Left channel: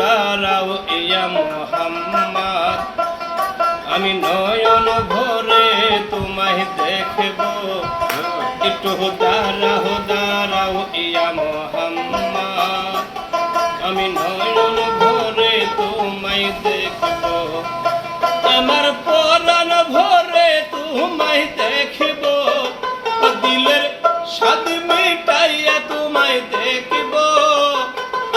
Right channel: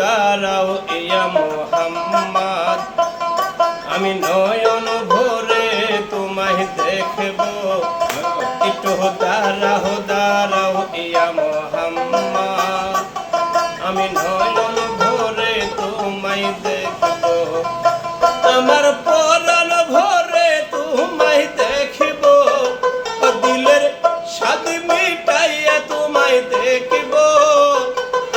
দাঁড়াও ইয়া মুহাম্মদ, আমি নয়ন ভরে তোমায় দেখব। একটু দাঁড়াও ইয়া মুহাম্মদ, আমি নয়ন ভরে তোমায় দেখব। আমার পরাণ ভরে তোমায় দেখব, দিলের স্বাদ মিটাইয়া তোমায় দেখব।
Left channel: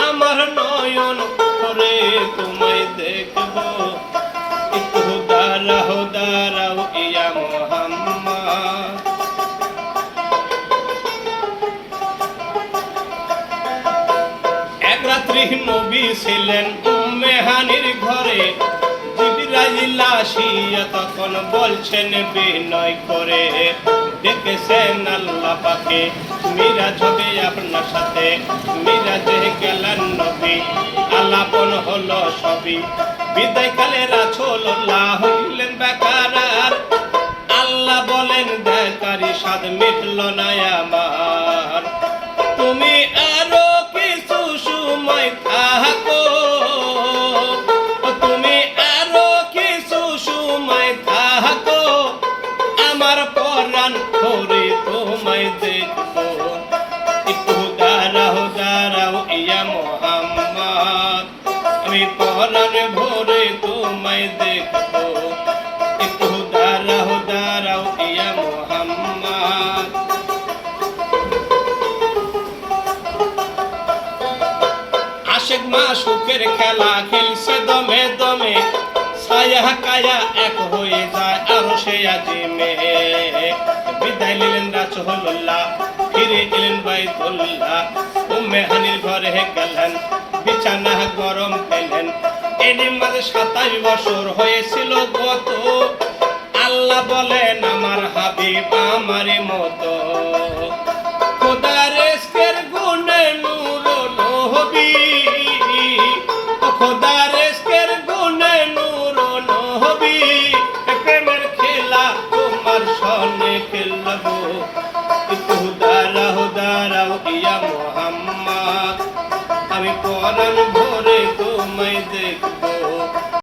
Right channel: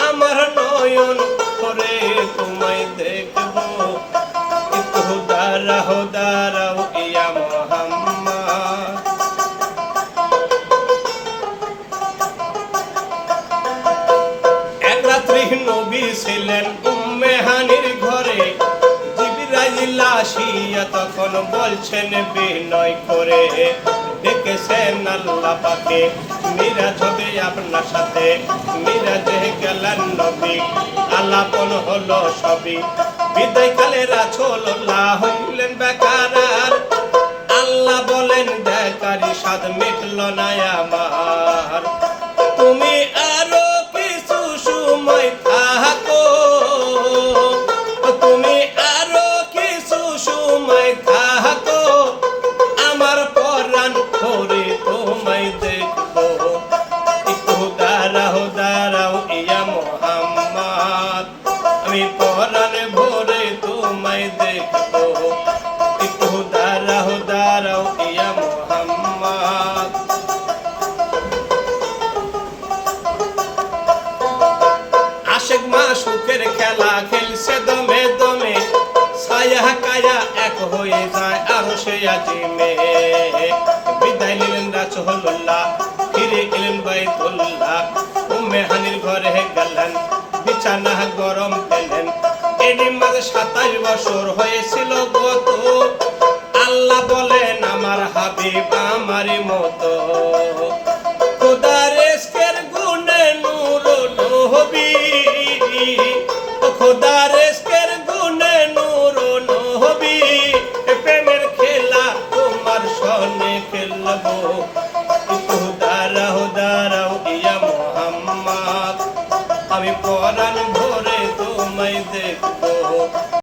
আমার নয়ন ভরে তোমায় দেখব। একটু দাঁড়াও ইয়া মুহাম্মদ। এক রাত্রি নবী ছিলেন উম্মে হানির ঘরে। জিবরাইল আসিয়া তখন বলছেন বিনয় করে, ডেকেছেন আল্লাহ পাকে মিরাজ হবে আপনার সাথে। মিরাজে গেলেন নবী, আলাপন হলো সবই। বিদায়কালে রাসূলুল্লাহ হইলেন বেকার। আল্লাহ বলেন দেখারি স্বাদ মিটল না আমার। তুমি আরো কিছু সময় থাকো, তুমি আরো কিছু সময় থাকো, আমার পরাণ ভরে তোমায় দেখবো। একটু দাঁড়াও ইয়া মুহাম্মদ, আমি পরাণ ভরে তোমায় দেখবো। একটু দাঁড়াও ইয়া মুহাম্মদ। আশিক মাশুকের খেলা খেলছে দমে দমে, ছায়া কায়া এক হয়ে যায় আরশে আজিমে। বিদায় নিলেন রাসূলুল্লাহ, ফিরে এলেন বাইতুল্লাহ। উম্মে হানির ঘরে গেলেন, বিছানা গরম পেলেন। এর মাঝে 27 বছর হয়েছিল গত। আল্লাহ বলেন আমার হাবিব আমার মতো। খোদার ইশকের গুণে নূর নবী, খোদার ইশকের গুণে নূর নবী। প্রেমের খেলা তোমার সনে খেলবো।